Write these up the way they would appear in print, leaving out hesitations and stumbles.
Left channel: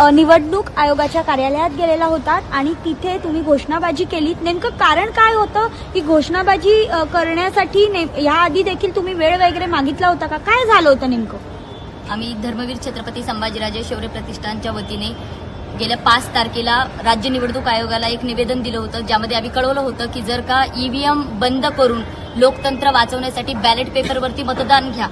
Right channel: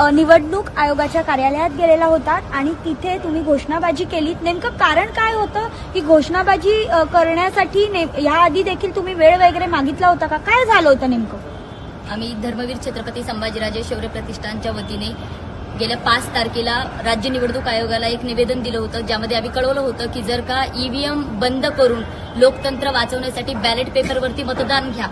निवडणूक आयोगाच्या कार्यालयात गेलेला होतात आणि तिथे तुम्ही घोषणाबाजी केली. नेमकं कारण काय होतं की घोषणाबाजी करण्यासाठी याआधी देखील तुम्ही वेळ वगैरे मागितला होता का? काय झालं होतं नेमकं? आम्ही धर्मवीर छत्रपती संभाजीराजे शौर्य प्रतिष्ठानच्या वतीने गेल्या 5 तारखेला राज्य निवडणूक आयोगाला एक निवेदन दिलं होतं, ज्यामध्ये आम्ही कळवलं होतं की जर का ईव्हीएम बंद करून लोकतंत्र वाचवण्यासाठी बॅलेट पेपरवरती मतदान घ्या,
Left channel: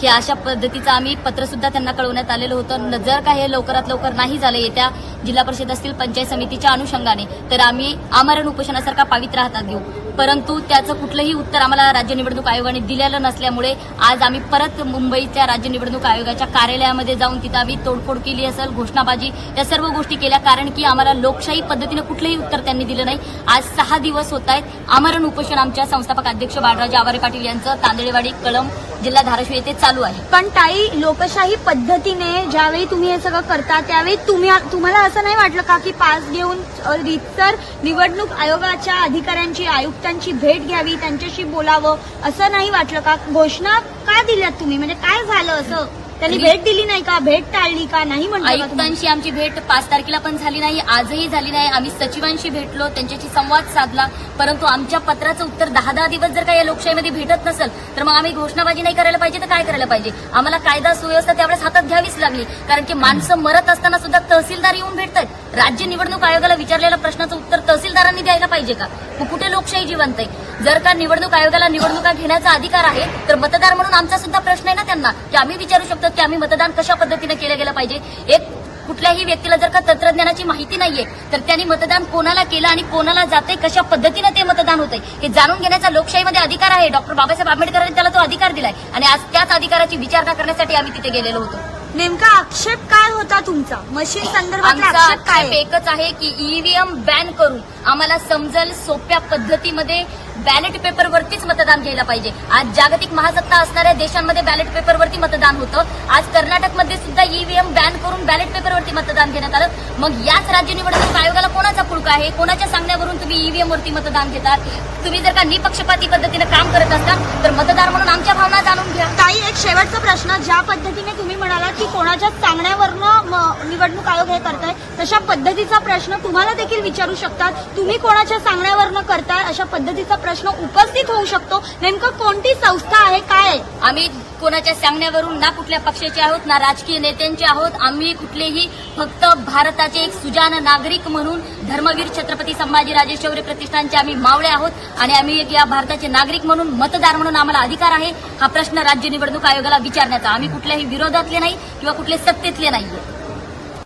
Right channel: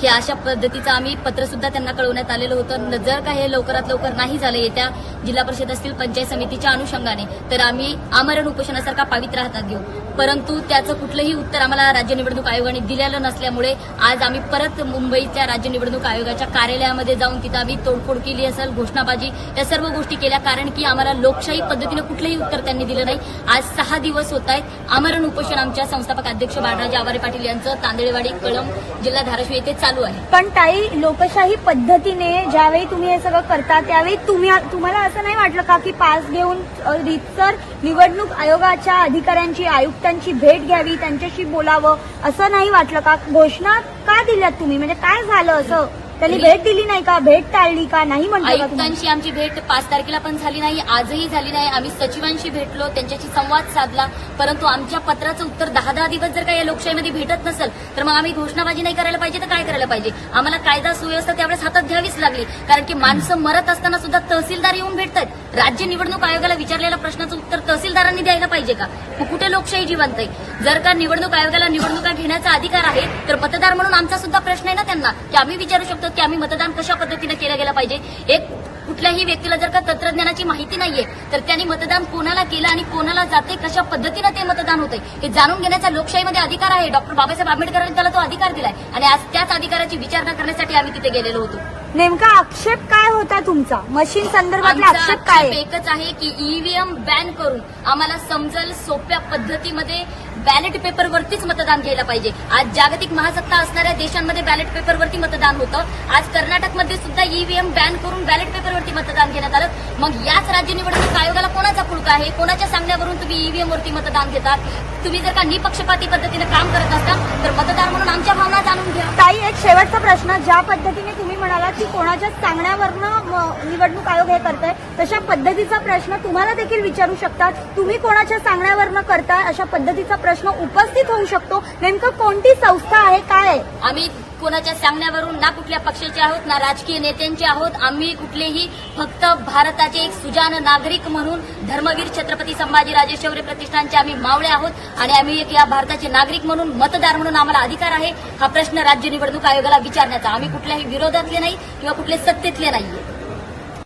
हे अशा पद्धतीचं आम्ही पत्र सुद्धा त्यांना कळवण्यात आलेलं होतं. जर का हे लवकरात लवकर नाही झालं येत्या जिल्हा परिषद असतील पंचायत समितीच्या अनुषंगाने, तर आम्ही आमरण उपोषणासारखा पावित्र्य हातात घेऊ. परंतु त्याचं कुठलंही उत्तर आम्हाला राज्य निवडणूक आयोगाने दिलेलं नसल्यामुळे आज आम्ही परत मुंबईच्या राज्य निवडणूक आयोगाच्या कार्यालयामध्ये जाऊन तिथं आम्ही तोडफोड केली असेल, घोषणाबाजी या सर्व गोष्टी केल्या. कारण की आम्हाला लोकशाही पद्धतीनं कुठलंही उत्तर त्यांनी दिलं नाही. आज 6 दिवस होत आहेत आमरण उपोषण आमच्या संस्थापक अध्यक्ष बाळराजे आवारे पाटील यांचं तांदळेवाडी कळंब जिल्हा धाराशिव येथे चालू आहे. पण ताई, लोकशाही पद्धतीने ज्यावेळी तुम्ही हे सगळं करता त्यावेळी तुम्हाला असं नाही वाटलं का की पास घेऊन रीतसर निवडणूक आयोगाच्या अधिकाऱ्यांची आयुक्तांची भेट घ्यावी, त्यांच्याशी बोलावं, असं नाही वाटलं का? घोषणा का दिल्यात तुम्ही? म्हणजे काय झालं असं? त्यांनी भेट दिली नाही का? भेट टाळली का? नाही म्हणलं का? आयुक्तांशी आमची भेट 5 तारखेला पण झाली नाही, आजही झाली नाही. आम्ही सचिवांशी भेटलो, त्यांच्याशी संवाद साधला, परंतु आमच्या पत्राचं उत्तर 10 दिवस जर का या लोकशाहीमध्ये भेटत नसेल तर मग आम्ही घोषणाबाजी नाही करायला पाहिजे तर काय करायला पाहिजे? आम्हाला कायदा सुव्यवस्था त्यावेळेस हातात घ्यावीच लागली. कारण की माणसं मरत असताना सुद्धा तहसीलदार येऊन भेटतात. राज्य निवडणूक आयोगाला विचारलेल्या प्रश्नाचं उत्तर तहसीलदारांनी द्यायला पाहिजे का? कुठे लोकशाही जिवंत आहे? जर का निवडणूक आयोगाला निवडणुका घेण्याचा अधिकार आहे तर मतदार म्हणून आमचा सुद्धा प्रश्न आहे ना त्यांना, की आम्ही विचारू शकतो की आम्ही मतदान कशा पद्धतीने केलं गेलं पाहिजे. एक कुठल्याही व्यक्तीला जर का तंत्रज्ञानाची माहिती नाहीये तर त्यांनी मतदान कोणाला केलं आणि कोणाला जाते, कशा पद्धतीनं ते मतदान होतंय हे जाणून घेण्याचा लोकशाहीमध्ये अधिकार आहे. डॉक्टर बाबासाहेब आंबेडकरांनी त्याला तो अधिकार दिलाय आणि आज त्याच अधिकाराची विचारणा करण्यासाठी आम्ही तिथे गेलेलो होतो. नेमका आक्षेप काय होता तुमचा? मशीन संदर्भातला आमचा आक्षेप काय आक्षेप एकच आहे की ईव्हीएम बॅन करून आम्हाला समजेल सोप्या पद्धतीमध्ये बॅलेट पेपरवरतीच मतदान घ्यायला पाहिजे. आज जागतिक महासत्ता असणाऱ्या देशांमध्ये बॅलेट पेपरवरती मतदान होतं. आज कर्नाटकमध्ये सुद्धा ईव्हीएम बॅन करून बॅलेट पेपरवरती मतदान घेण्यात आलं. मग याच राज्य निवडणूक आयोगाला कोणाचा पुळका आहे? कोणाच्या सांगण्यावरून तुम्ही ईव्हीएम वरती मतदान घेतात? तुम्ही जर का निपक्षपाती पद्धतीने काम करत असता तर मतदार म्हणून आमच्या भावना जाणून घ्या. ताई, एक शेवटचा प्रश्न. ज्या पद्धतीने तुम्ही म्हणालात की कोणाच्या सांगण्यावरनं निवडणूक आयोग हे करताय, तशा पद्धतीचा प्रश्न तुम्हाला देखील विचारू शकतात. तुम्ही कोणाच्या सांगण्यावरनं करताय अशा पद्धतीचा प्रश्न उपस्थित होऊ शकतो. नेमकं कोणती संस्था आहे, काय आहे? आम्ही कोणाच्या सांगण्यावरून ना कुठल्या पक्षाचे आहोत ना राजकीय नेत्यांचे आहोत. आम्ही कुठलेही फक्त भारताचे एक सुजाण नागरिक म्हणून धर्मवीर छत्रपती संभाजीराजे शौर्य प्रतिष्ठानचे आम्ही मावळे आहोत आणि आम्ही एक या भारताचे नागरिक म्हणून मतदार म्हणून आम्हाला अधिकार आहे हा प्रश्न राज्य निवडणूक आयोगाला विचारण्याचा. आम्ही कुठल्याही विरोधातले नाही किंवा कुठले सत्तेतले नाहीये.